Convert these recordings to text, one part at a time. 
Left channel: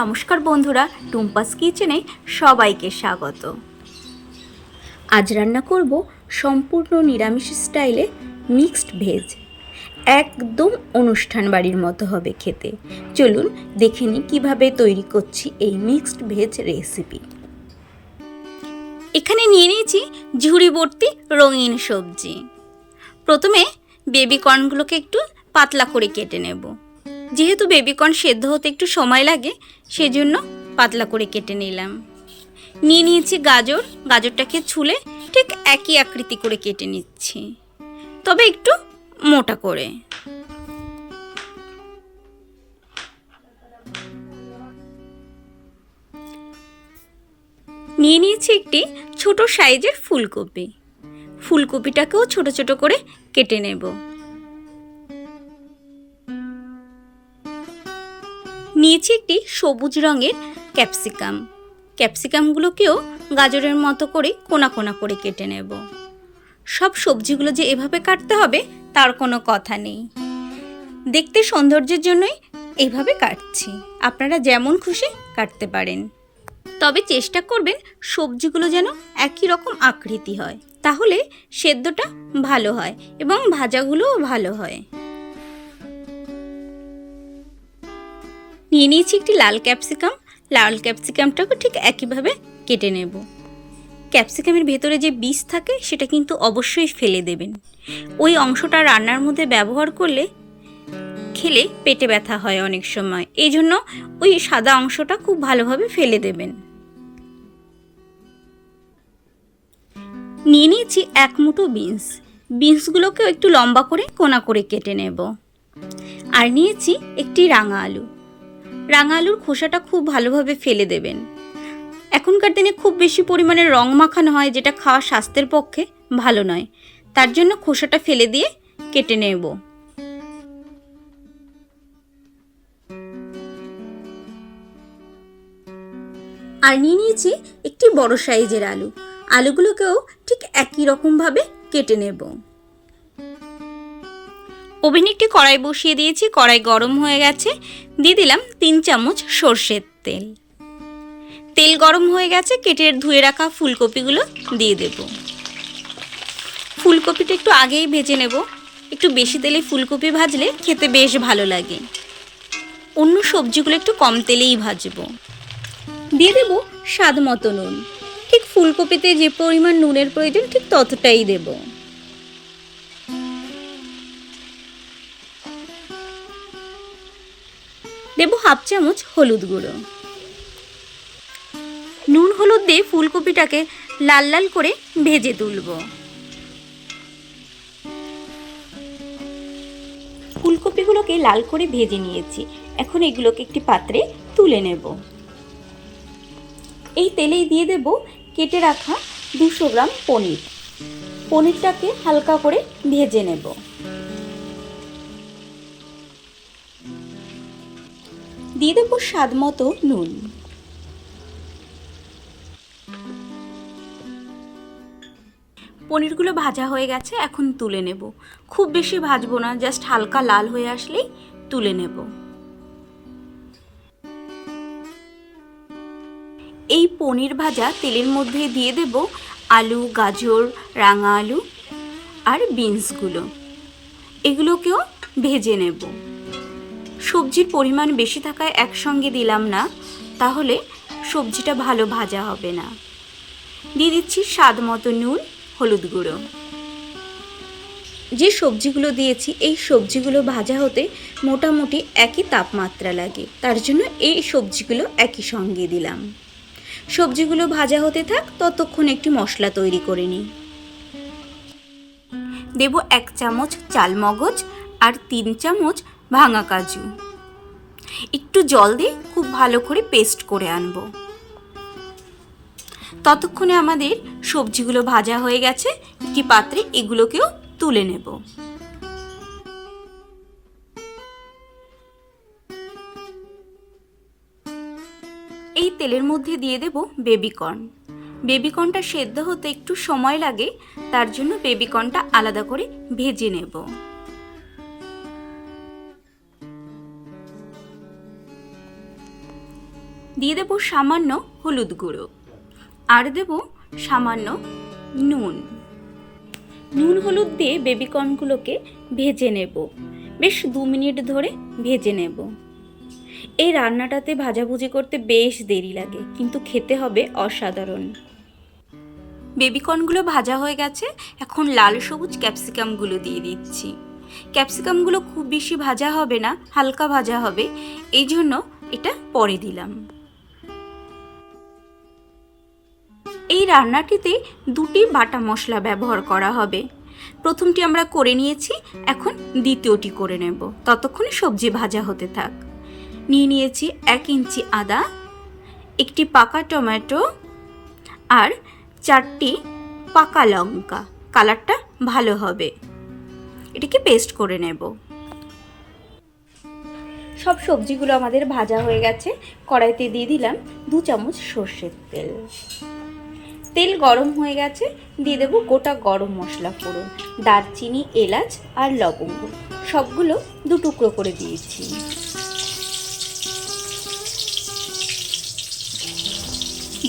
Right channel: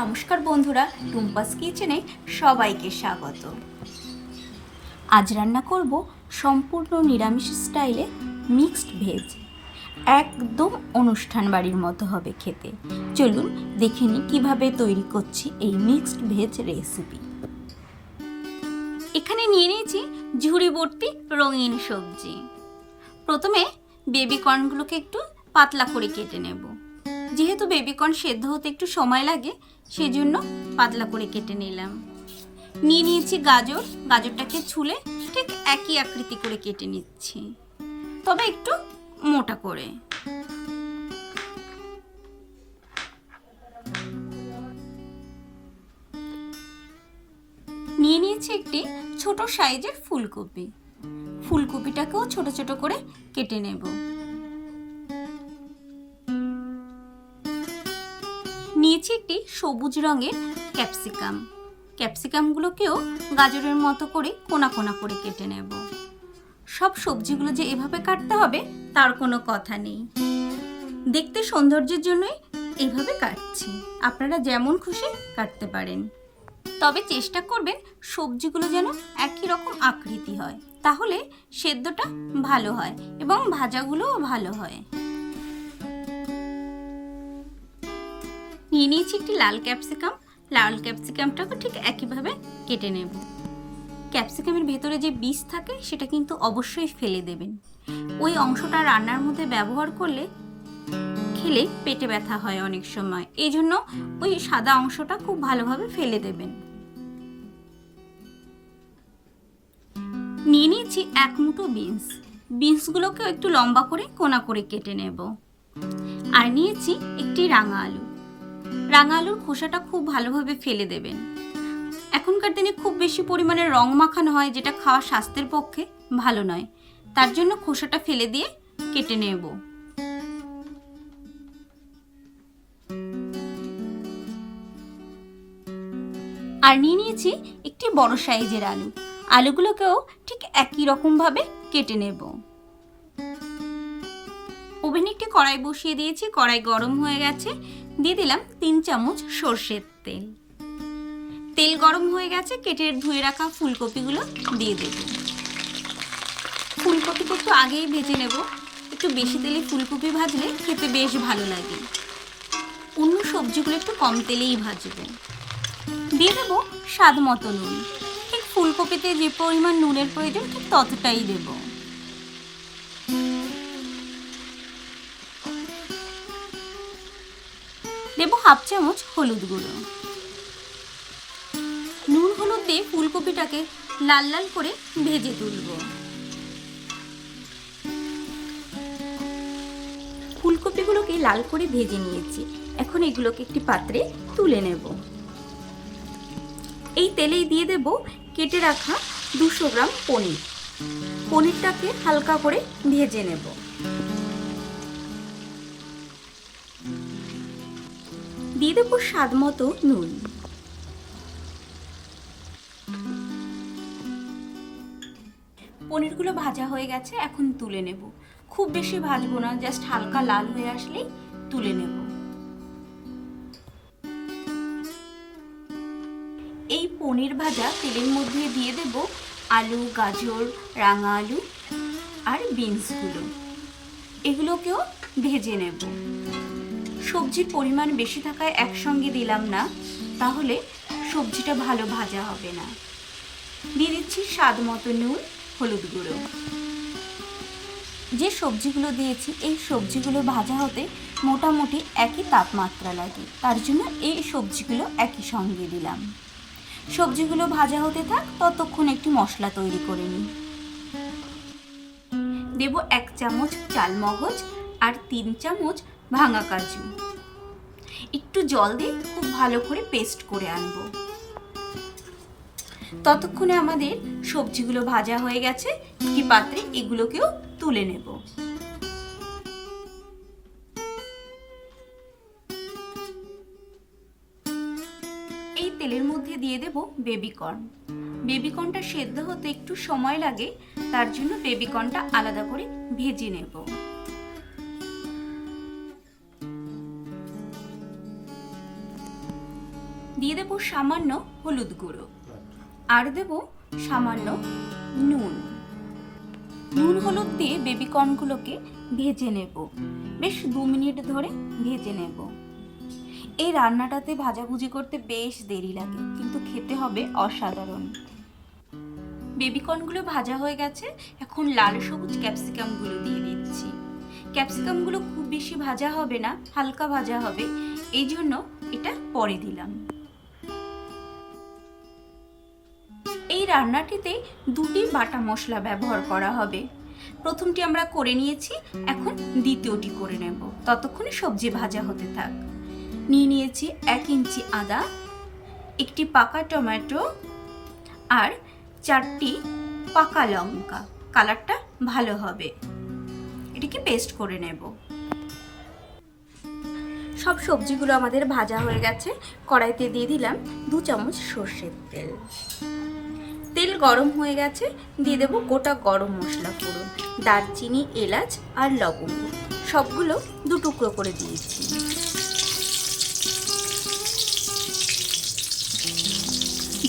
নমস্কার বন্ধুরা, টুম্পাস কিচেনে সবাইকে স্বাগত। আজ রান্না করব সম্পূর্ণ নিরামিষ স্টাইলে মিক্সড ভেজ। একদম অনুষ্ঠান বাড়ির মতো হবে খেতে। চলুন দেখে নিই কীভাবে তৈরি করছি এই মিক্সড ভেজ রেসিপি। এখানে নিয়ে নিয়েছি ঝুড়ি ভর্তি রঙিন সবজি। প্রথমে বেবি কর্নগুলোকে একটু পাতলা করে কেটে নেব। যেহেতু বেবিকর্ন সেদ্ধ হতে একটু সময় লাগে সেজন্য পাতলা করে কেটে নিলাম। নিয়ে নিয়েছি গাজর, গাজরটাকে ছুলে ঠিক একই আকৃতি করে কেটে নিচ্ছি। তবে একটু মোটা করে। নিয়ে নিয়েছি একটি ছোট সাইজের ফুলকপি। ফুলকপিটাকেও ছোট ছোট করে কেটে নেব। নিয়েছি একটি সবুজ রঙের ক্যাপসিকাম। ক্যাপসিকামগুলোকেও গাজরের মতো করে কোনা কোনা করে কেটে নেব। সব সবজিগুলো যে এভাবে কাটতে হবে, তার কোনো কথা নেই। দেখতে সৌন্দর্যের জন্যই এইভাবে কাটছি। আপনারা যেমন খুশি কাটতে পারেন। তবে চেষ্টা করবেন সবজিগুলো যেন একই রকম আকৃতি হয়। তাহলে সেদ্ধটা ভালো হয় এবং ভাজাগুলোও ভালো হয়। নিয়ে নিয়েছি একটি লাল ক্যাপসিকাম। লাল ক্যাপসিকামটাকে ঠিক একইভাবে কেটে নেব। ক্যাপসিকামের ভেতরে যে বীজ থাকে, সেটা কিন্তু অবশ্যই ফেলে দেবেন। ওই অংশটা রান্নার মধ্যে ব্যবহার করলে খেলে পেটে ব্যথা হয় অনেক সময়। এই জন্য ওই সাদা অংশটা খুব ভালোভাবে ফেলে দেবেন। নিয়ে নিয়েছি এক মুঠো বিনস। বিনসগুলোকেও একটু লম্বা করে কোনা করে কেটে নেব। আর নিয়েছি একটি রাঙা আলু। রাঙা আলুর খোসাটা খুব ভালোভাবে ফেলে দেবেন। এখনকার দিনে খুব বেশি পরিমাণে রং মাখানো হয়, যেটা খাওয়া স্বাস্থ্যের পক্ষে ভালো নয়। তার জন্য খোসাটা ফেলে দিয়ে কেটে নেব। আর নিয়ে নিয়েছি একটি বড় সাইজের আলু। আলুগুলোকেও ঠিক একই রকমভাবে কেটে নেব। ওভেনে একটি কড়াই বসিয়ে দিয়েছি। কড়াই গরম হয়ে গেছে। দিয়ে দিলাম তিন চামচ সর্ষের তেল। তেল গরম হয়ে গেছে, কেটে ধুয়ে রাখা ফুলকপিগুলো দিয়ে দেব। ফুলকপিটা একটু আগেই ভেজে নেব। একটু বেশি তেলে ফুলকপি ভাজলে খেতে বেশ ভালো লাগে। অন্য সবজিগুলো একটু কম তেলেই ভাজবো। দিয়ে দেব স্বাদ মতো নুন। ঠিক ফুলকপিতে যে পরিমাণ নুনের প্রয়োজন ঠিক ততটাই দেবো। দেব হাফ চামচ হলুদ গুঁড়ো। নুন হলুদ দিয়ে ফুলকপিটাকে লাল লাল করে ভেজে তুলব। ফুলকপিগুলোকে লাল করে ভেজে নিয়েছি। এখন এগুলোকে একটি পাত্রে তুলে নেব। এই তেলেই দিয়ে দেব কেটে রাখা দুশো গ্রাম পনির। পনিরটাকে হালকা করে ভেজে নেব। দিয়ে দেবো স্বাদ মতো নুন। পনিরগুলো ভাজা হয়ে গেছে, এখন তুলে নেব। খুব বেশি ভাজবো না, জাস্ট হালকা লাল হয়ে আসলেই তুলে নেব। এই পনির ভাজা তেলের মধ্যে দিয়ে দেব আলু, গাজর, রাঙা আলু আর বিনসগুলো। এগুলোকেও ভেজে নেব। সবজির পরিমাণ বেশি থাকায় একসঙ্গে দিলাম না, তাহলে সবজিটা ভালো ভাজা হবে না। দিয়ে দিচ্ছি স্বাদ মতো নুন, হলুদ গুঁড়ো। যে সবজিগুলো দিয়েছি, এই সবজিগুলো ভাজা হতে মোটামুটি একই তাপমাত্রা লাগে। তার জন্য এই সবজিগুলো একই সঙ্গে দিলাম। সবজিগুলো ভাজা হতে থাক, ততক্ষণ একটি মশলা তৈরি করে নিই। দেব এক চামচ চাল মগজ আর তিন চামচ ভাঙা কাজু। একটু জল দিয়ে খুব ভালো করে পেস্ট করে আনব। ততক্ষণে আমাদের সবজিগুলো ভাজা হয়ে গেছে একটি পাত্রে এগুলোকেও তুলে নেব। এই তেলের মধ্যে দিয়ে দেব বেবিকর্ন। বেবিকর্নটা সেদ্ধ হতে একটু সময় লাগে, তার জন্য বেবিকর্নটা আলাদা করে ভেজে নেব। দিয়ে দেবো সামান্য হলুদ গুঁড়ো। আর দেব সামান্য নুন। নুন হলুদ দিয়ে বেবিকর্নগুলোকে ভেজে নেব। বেশ দু মিনিট ধরে ভেজে নেব। এই রান্নাটাতে ভাজাভুজি করতে বেশ দেরি লাগে, কিন্তু খেতে হবে অসাধারণ। বেবিকর্নগুলো ভাজা হয়ে গেছে, এখন লাল সবুজ ক্যাপসিকামগুলো দিয়ে দিচ্ছি। ক্যাপসিকামগুলো খুব বেশি ভাজা হবে না, হালকা ভাজা হবে, এই জন্য এটা পরে দিলাম। এই রান্নাটিতে দুটি বাটা মশলা ব্যবহার করা হবে। প্রথমটি আমরা করে নিয়েছি, এখন দ্বিতীয়টি করে নেব। ততক্ষণে সবজি ভাজা হতে থাক। নিয়ে নিয়েছি এক ইঞ্চি আদা, একটি পাকা টমেটো আর চারটি পাকা লঙ্কা। কালারটা ভালো হবে। এটিকে পেস্ট করে নেব। সব সবজিগুলো আমাদের ভাজা হয়ে গেছে। কড়াইতে দিয়ে দিলাম দু চামচ সর্ষের তেল। তেল গরম হয়ে গেছে, দিয়ে দেবো গোটা গরম মশলা ফোড়ন, দারচিনি, এলাচ আর লবঙ্গ। সবগুলো দু টুকরো করে দিয়েছি।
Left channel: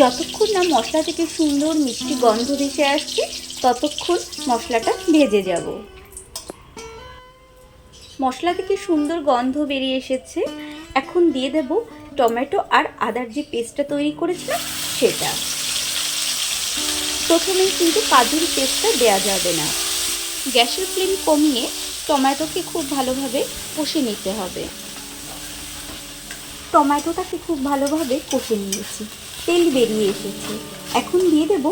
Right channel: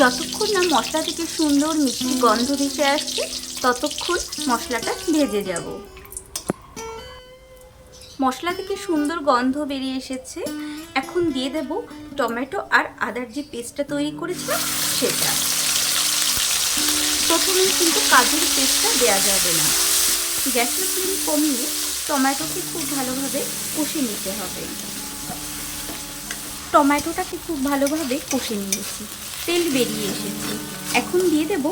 যতক্ষণ না মশলা থেকে সুন্দর মিষ্টি গন্ধ ভেসে আসছে, ততক্ষণ মশলাটা ভেজে যাব। মশলা থেকে সুন্দর গন্ধ বেরিয়ে এসেছে। এখন দিয়ে দেব টমেটো আর আদার যে পেস্টটা তৈরি করেছিলাম, সেটা। প্রথমেই কিন্তু কাজুর পেস্টটা দেওয়া যাবে না। গ্যাসের ফ্লেম কমিয়ে টমেটোকে খুব ভালোভাবে কষে নিতে হবে। টমেটোটাকে খুব ভালোভাবে কষে নিয়েছি। তেল বেরিয়ে এসেছে। এখন দিয়ে দেব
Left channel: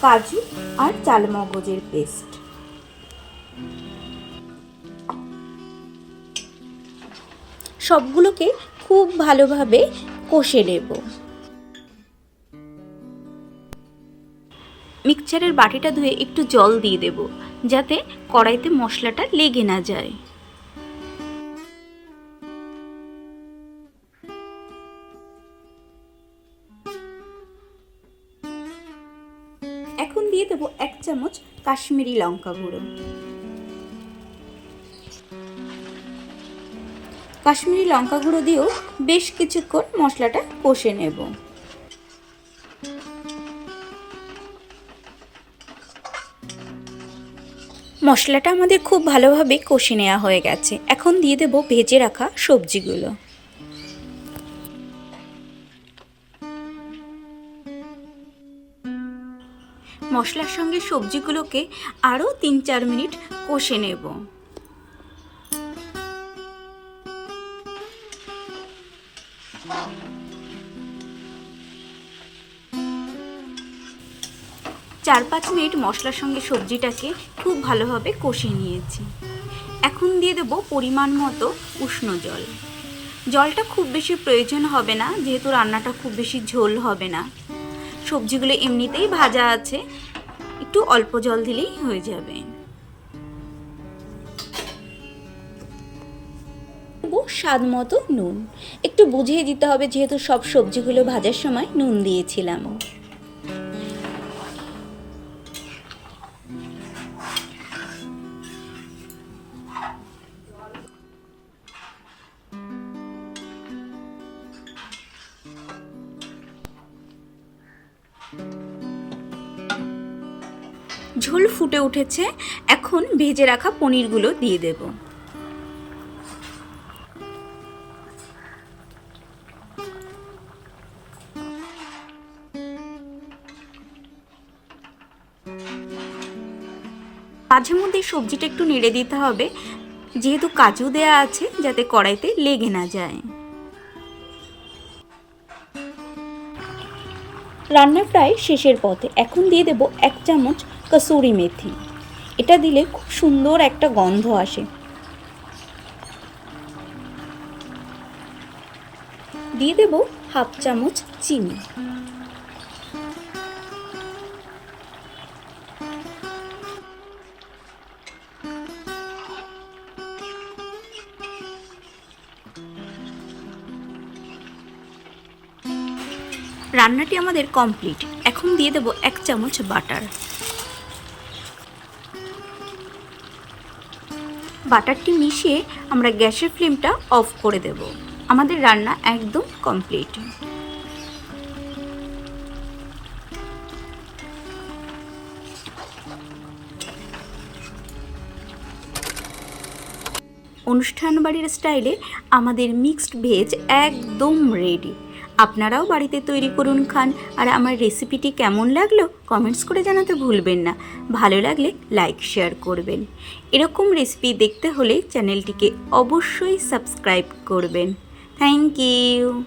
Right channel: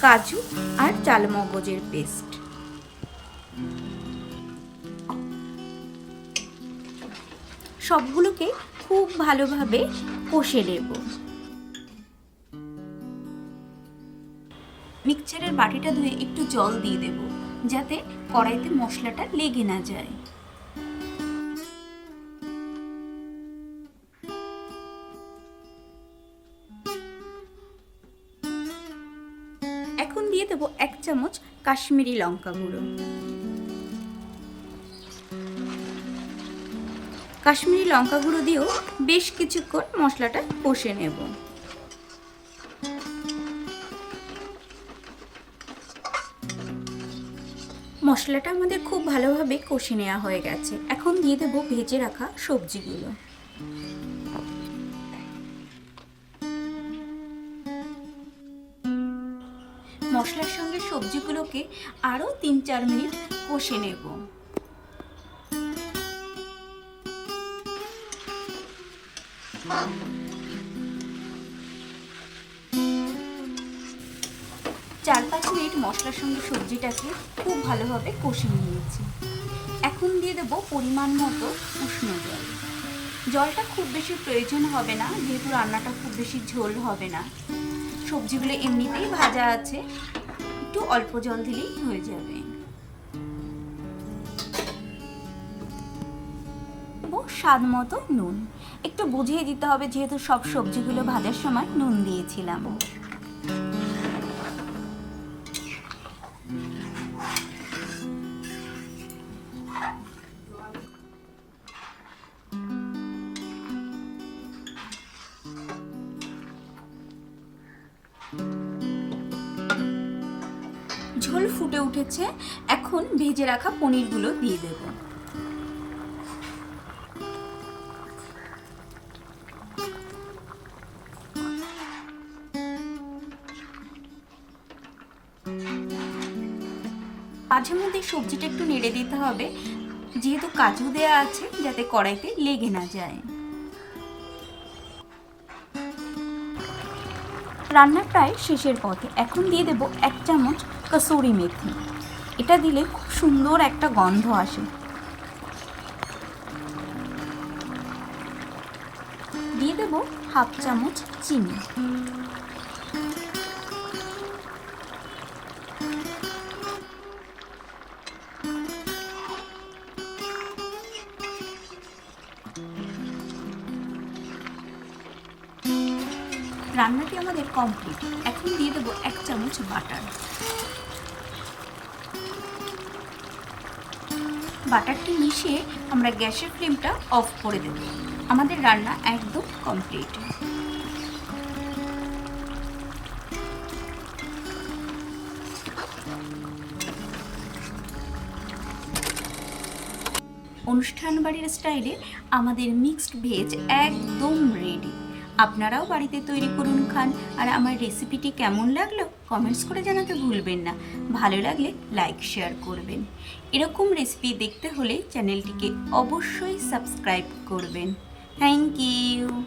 কাজু আর চালমগজের পেস্ট। সবগুলোকে খুব ভালোভাবে কষে নেব। মিক্সচারের বাটিটা ধুয়ে একটু জল দিয়ে দেব, যাতে কড়াইতে মশলাটা লেগে না যায়। এখন দিয়ে দেবো এক চামচ কাশ্মীরি লঙ্কা গুঁড়ো। কাশ্মীরি লঙ্কা গুঁড়ো দিয়েও বেশ কিছুক্ষণ মশলাটা কষে নেব। মশলাটা আমাদের খুব ভালোভাবে কষে নেওয়া হয়ে গেছে। এখন দিয়ে দেবো ভেজে রাখা সবজিগুলো। মশলার সঙ্গে সবজিগুলোকে আরও তিন চার মিনিট কষে নেব। চার পাঁচ মিনিট মশলার সঙ্গে সবজিটাকে খুব ভালোভাবে কষে নিয়েছি। এখন দিয়ে দেবো পরিমাণ মতো উষ্ণ জল। জলটা খুব বেশি প্রয়োজন হবে না, যেহেতু রান্নাটা খুব বেশি ঝোল হবে না। সবজিগুলো এমনিতেই ভাজা আছে, একটু অল্প জল দিলেই হয়ে যাবে। স্বাদ মতো নুন। একটু বুঝিয়ে দিতে হবে, যেহেতু সব সবজিগুলো ভাজার সময় নুন দিয়েছিলাম। ঝোল ফুটে উঠেছে, এখন ভেজে রাখা পনিরগুলো দিয়ে দেব। মাঝে মধ্যে সবজিটা একটু নেড়ে দিতে হবে, যেহেতু কাজু দেয়া আছে যাতে কড়াইতে লেগে না যায়। রান্না প্রায় শেষের পথে, এখন দিয়ে দেব এক চামচ কসুরি মেথি। এটা দিলে খুব সুন্দর একটা গন্ধ আসে। দিয়ে দেব হাফ চামচ চিনি। রান্নাটি আমাদের কমপ্লিট। এখন দিয়ে দেবো এক চামচ বাটার। বাটারটি মিশিয়ে আমরা গ্যাসের ফ্লেমটা অফ করে দেব। আমাদের রান্না একদম কমপ্লিট। অনুষ্ঠান বাড়ির স্টাইলে আমাদের মিক্সড ভেজ একদম রেডি আপনারাও বাড়িতে তৈরি করুন খান। আর আমার রেসিপিটি কেমন লাগল কমেন্টস করে জানাতে ভুলবেন না। ভালো লাগলে লাইক শেয়ার করবেন। এরকম রেসিপি দেখতে হলে চ্যানেলটিকে অবশ্যই সাবস্ক্রাইব করবেন। Thank you